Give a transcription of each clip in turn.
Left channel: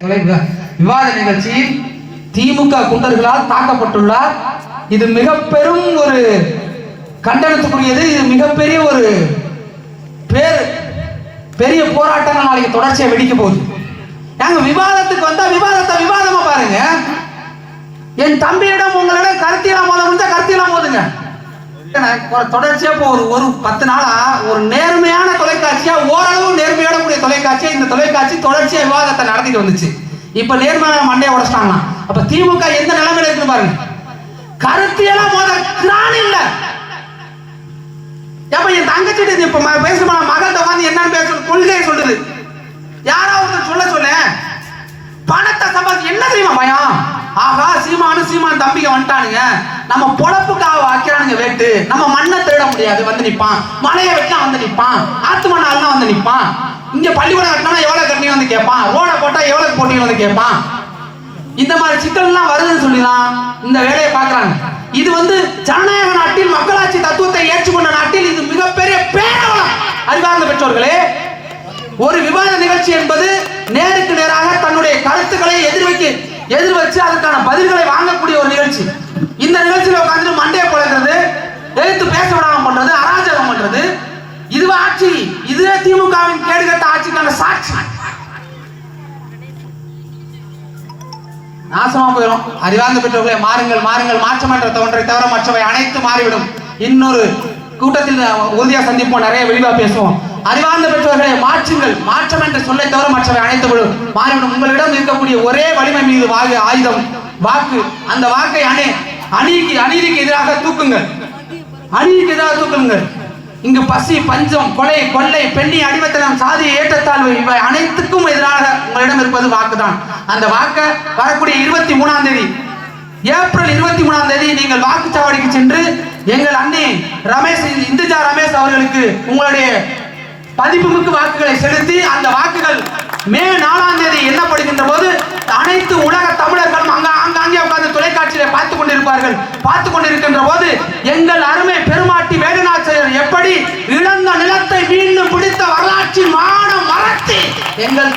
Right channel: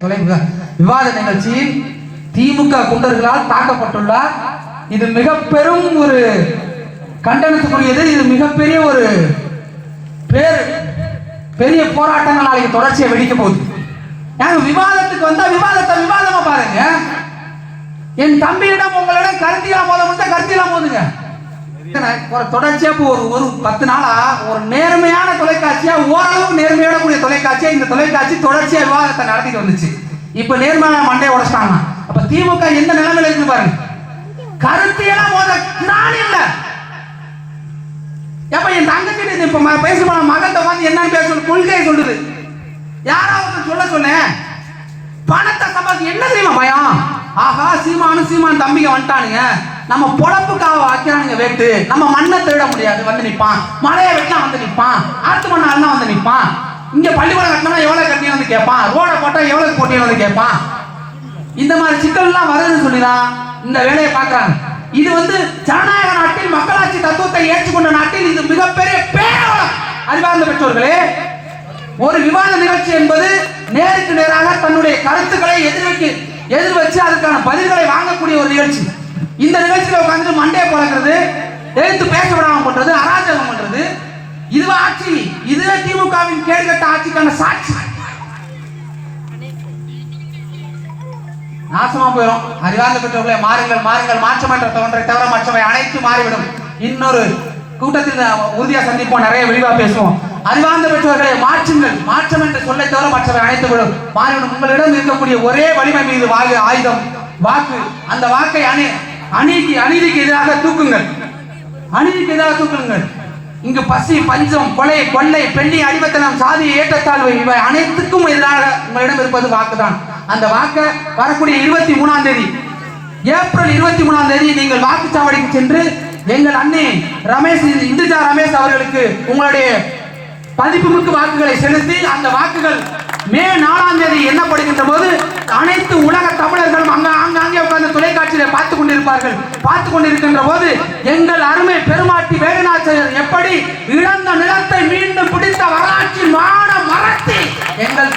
விவாத நிகழ்ச்சியில் திமுக குண்டர்களால் தாக்கப்பட்டுள்ளார். இது மிக பெரும் ஒரு கண்டனத்துக்குரியது. இது மிகப்பெரிய ஒரு பெரிய போராட்டங்கள் நாளைக்கு தொடர்ச்சியா வெடிக்க போகுது. நாங்க விவாதத்துக்கு வந்தா விவாதத்தை விவாதமா பாருங்க. என் தம்பியிடம் உங்களிடம் கருத்தியெல்லாம் மோத முடிஞ்சா கருத்தியெல்லாம் மோதுங்க. தொடர்ச்சியா ஒரு 10 நாளா ஒரு நேர்மையான தொலைக்காட்சியா, ஓரளவு நேர்மையான கூடிய தொலைக்காட்சியா இந்த தொலைக்காட்சி தொடர்ச்சியா விவாதத்தை நடத்திட்டு வந்துச்சு. இப்ப நேர்மையான மண்டையை உடைச்சிட்டாங்க. அப்ப திமுக எந்த நிலைமையில இருக்கு பாருங்க. கருத்தியெல்லாம் மோத கிராணி இல்ல. அப்ப என் தங்கச்சி இப்ப பேசுமா மகன் வந்து என்னன்னு பேச கொள்கை சொல்லுது. யாராவது சொல்ல பணத்தை சம்பாதி என்ன தெரியுமா பயம்? ஆகா சீமான் தம்பிங்க வந்துட்டானுங்க, நம்ம பொழப்புக்காக வைக்கிறானுங்க வேட்டு, நம்ம மண்ணை திருட முடியாது வந்து நிப்பான், மலையை வெட்டா வந்து நிப்பான், ஆத்து மண்ணா வந்து நிப்பான், இங்க பள்ளிக்கூடம் கட்டினா எவ்வளவு கட்டி வந்து கேட்பான், ரோட போட்டா எவ்வளவு போட்டி வந்து கேட்பான். இந்த மாதிரி சிக்கல் எல்லாம் வருதுன்னு சொல்லிதான் இந்த வேலையை பாக்குறாங்க. இது ஜனநாயக நாட்டில் மக்களாட்சி தத்துவத்தை ஏற்றுக்கொண்ட நாட்டில் இது மிகப்பெரிய பேரவலம். அறிவார்ந்த பெற்றோர்களே, ஒரு விவாத நிகழ்ச்சி என்பது நேருக்கு நேராக தன்னுடைய கருத்துக்களை எதிர் வச்சு அதற்கான பதில்களை வாங்கக்கூடிய ஒரு நிகழ்ச்சி. இந்த நிகழ்ச்சியில உட்கார்ந்து மண்டையை பழகிறது, எழுத்து பேச விடாம பண்றது, அராஜகம் பண்றது, இதுவா ஆட்சி? இதுவே திமுகவின் கேடுகட்ட ஆட்சிக்கான சாட்சி. நாசமா போயிடும். அறிவார்ந்த பெற்றவர்களை மாறுங்கள், மாற்றம் என்ற ஒன்றை தவிர மற்றவை அனைத்து மாறிவிடும். இன்னொரு கூட்டத்தில் உறுதியா சந்திப்போம், நிறைய விரிவா பேசுவோம். அறிவார்ந்த பெற்றவர்களை மாற்றுங்கள், மாற்றம் என்ற சொல்லை தவிர மற்றவை அனைத்து மாறிவிடும். உங்களிடம் இருக்கக்கூடிய ஒரே வலிமை மீது ஆயுதம் வாக்கு. அந்த வாக்கை அநீதிக்கு எதிராக தூக்குங்கள், அநீதிக்கு எதிராக தூக்குங்கள். இங்கு பசி, பஞ்சம், கொலை, கொள்ளை, பெண்ணி, அடிமைத்தனம், சாதி, ஏற்றத்தாழ்வு இவை அனைத்துக்கும் எதிராக உங்களிடம் இருப்பது வாக்குதான். அந்த வாக்க வரக்கூடிய 23ஆம் தேதி, ஏப்ரல் 23ஆம் தேதி நீங்கள் வாக்குச்சாவடிக்கு சென்று எங்கள் அண்ணி இந்துஜா ரமேஷ் அவர்களுக்கு உங்களுடைய பதிப்புக்கு வாக்குகளை செலுத்தி அந்த வாக்குகள் மே 4ஆம் தேதி எண்ணப்படுகின்ற போது அனைத்து உலக தமிழர்களும் அங்கே உட்கார்ந்து தொலைக்காட்சியில பார்த்துக் கொண்டிருக்கின்ற போது எங்கள் அருமை பெருமாட்டி வேலுநாச்சியார் எப்படி இழந்த நிலத்தை மீண்டும் பிடித்த வரலாற்றின் மானம் மறத்தி எங்கள்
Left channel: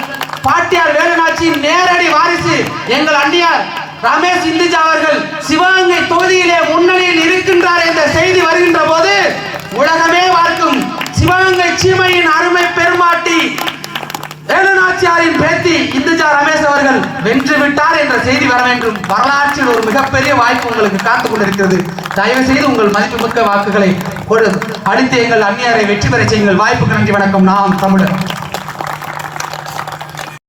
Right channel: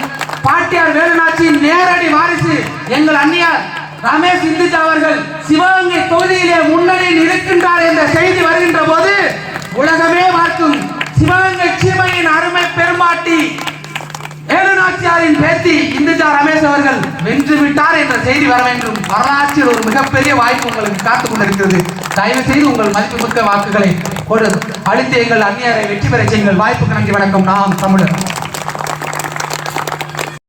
பாட்டியார் வேலுநாச்சியின் நேரடி வாரிசு எங்கள் அண்ணியார் ரமேஷ் இந்துஜா அவர்கள் சிவகங்கை தொகுதியிலே முன்னணியில் இருக்கின்றார் என்ற செய்தி வருகின்ற போது உலகமே பார்க்கும் சிவகங்கை சீமையின் அருமை பெருமாட்டி வேலுநாச்சியாரின் பேத்தி இந்துஜா ரமேஷ் அவர்கள் வென்று விட்டார் என்ற செய்தி வர வேண்டும். வரலாற்றில் ஒரு மிகப்பெரிய வாய்ப்பு உங்களுக்கு காத்துக் கொண்டிருக்கிறது. தயவு செய்து உங்கள் மதிப்புமிக்க வாக்குகளை அளித்து எங்கள் அந்நியரை வெற்றி பெற செய்யுங்கள். வாய்ப்புக்கு நன்றி, வணக்கம். நாம் தமிழர்.